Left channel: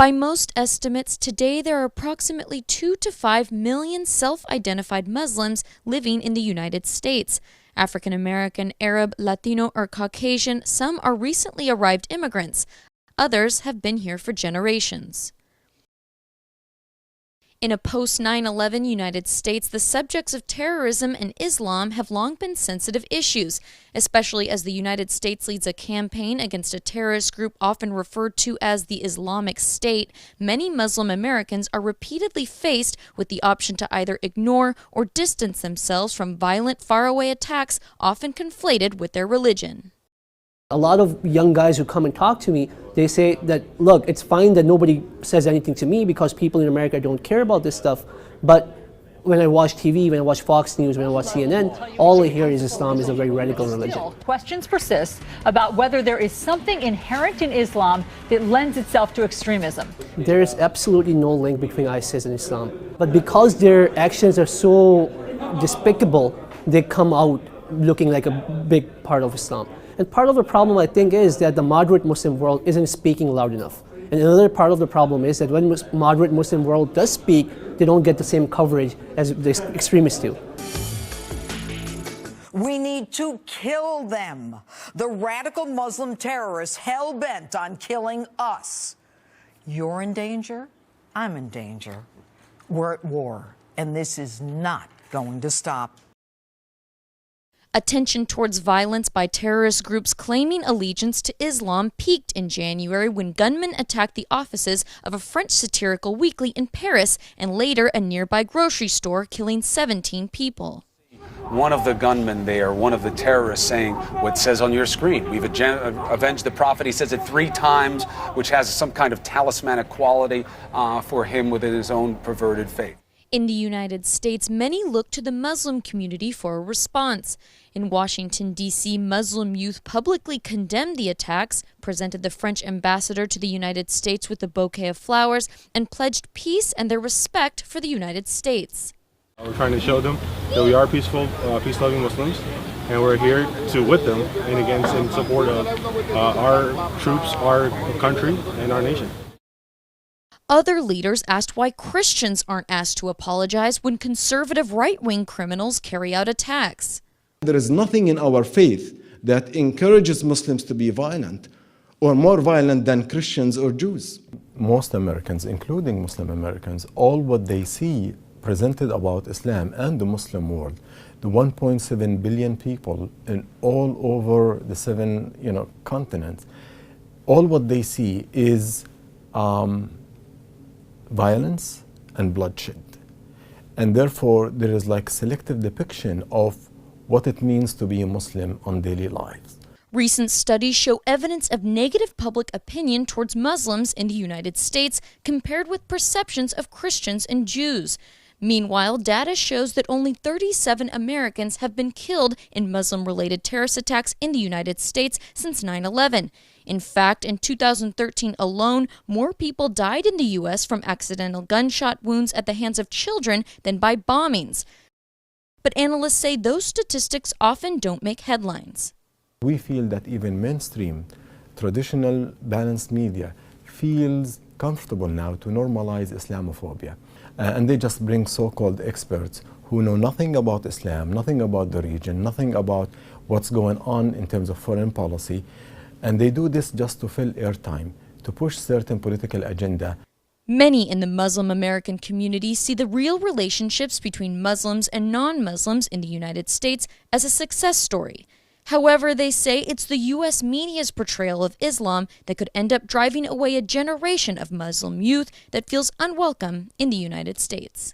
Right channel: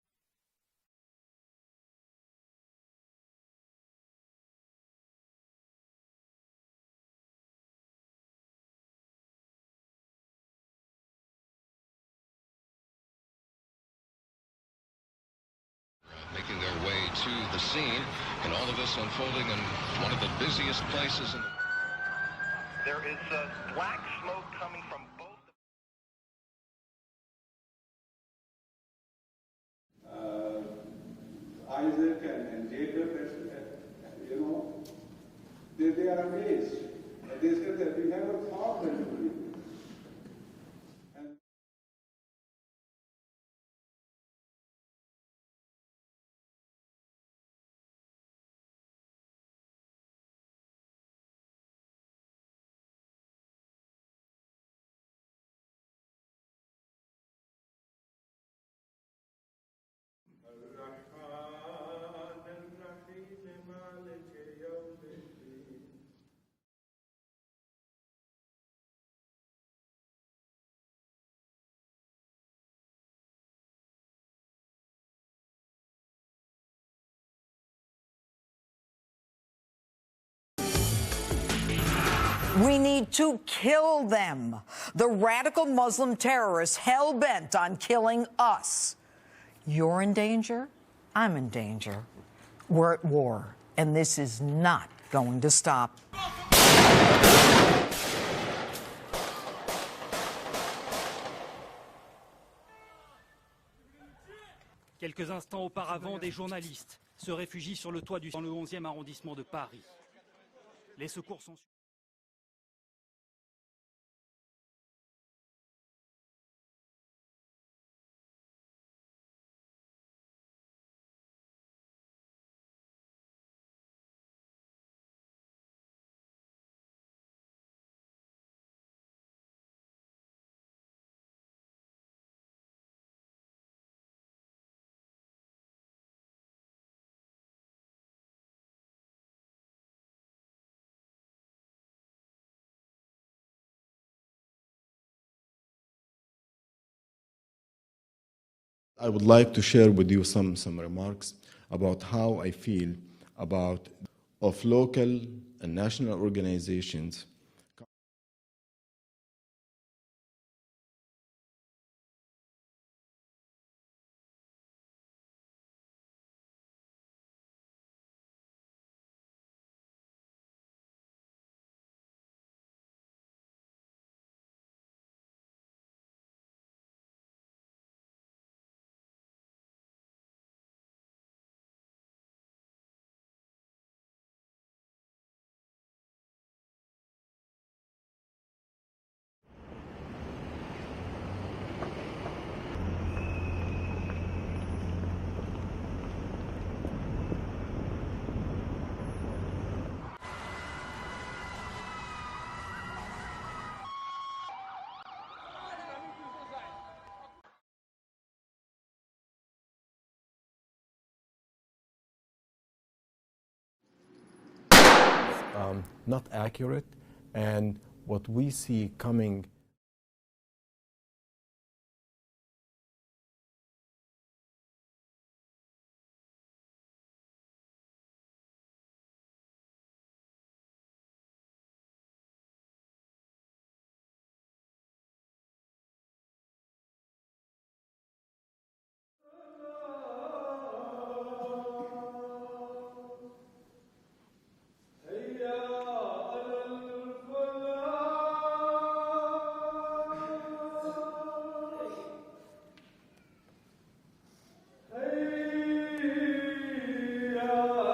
By most estimates, today there are approximately 2 to 5 million self-identified Muslims living in the United States. African American, Arab, Latino, or Caucasian, some are recently arrived immigrants. Others have been here for generations. In a post-9/11 United States, the subjects of terrorism and Islam have long been sensitive issues, especially as the United States leads a campaign against a terrorist group often referred to as the Islamic State. Many Muslim Americans are repeatedly faced with the option to either ignore or distance themselves from violent, faraway attacks often conflated with their religion. A lot of young guys who come and talk to me, they say that, look, it's fine that nobody says anything to me because people in America don't care about this stuff, but when I watch TV, when I watch Fox News, when I watch CNN, all I hear is Islam is a very radical religion. Questions persist about whether there is something inherent in Islam that lends itself to extremism. There is absolutely no link between ISIS and Islam, but because their actions are so despicable, they come out looking like a big part of Islam. And part of the problem, I think, is that the moderate Muslim world isn't speaking loud enough. And another part of the problem is that when moderate Muslim world does speak, they don't get the same coverage as the extremists do. We need to kill them. The radical Muslim terrorists hell-bent on killing us. You're in danger. I'm in danger. We're at war, and this is not going to stop. Attention towards violence by terrorist groups claiming allegiance to Islam peaked in January when gunmen attacked the offices of a French satirical weekly in Paris and later a nearby grocery store, killing 17 people. One of the gunmen there, one of the terrorists, saying what says on your screen, we've avenged the prophet. He says it 3 times, which has some kind of talismanic quality for him within his own perverted faith. In the United States, many look to the Muslim community for a response. In Washington, D.C., Muslim youth publicly condemned the attacks, presented the French ambassador to the United States with a bouquet of flowers, and pledged peace and their respect for the United States. We're trying to show them that we are peaceful, peace-loving Muslims, and we're here with them and against in support of our troops, our country, and our nation. I would like to share with you some Other leaders asked why Christians aren't asked to apologize when conservative right-wing criminals carry out attacks. There is nothing in our faith that encourages Muslims to be violent or more violent than Christians or Jews. Most Americans, including Muslim Americans, all what they see presented about Islam and the Muslim world, the 1.7 billion people in all over the 7 continents, all what they see is violence and bloodshed. And therefore, there is like selective depiction of what it means to be a Muslim on daily lives. Recent studies show evidence of negative public opinion towards Muslims in the United States compared with perceptions of Christians and Jews. Meanwhile, data shows that only 37 Americans have been killed in Muslim-related terrorist attacks in the United States since 9/11. In fact, in 2013 alone, more people died in the U.S. from accidental gunshot wounds at the hands of children than by bombings. But analysts say those statistics often don't make headlines. We feel that even mainstream, traditional, balanced media feels comfortable now to normalize Islamophobia. And they just bring so-called experts who know nothing about Islam, nothing about the region, nothing about what's going on in terms of foreign policy. And they do this just to fill airtime, to push certain political agenda. Many in the Muslim American community see the real relationships between Muslims and non-Muslims in the United States as a success story. However, they say it's the U.S. media's portrayal of Islam that could end up driving away a generation of Muslim youth that feels unwelcome in the United States.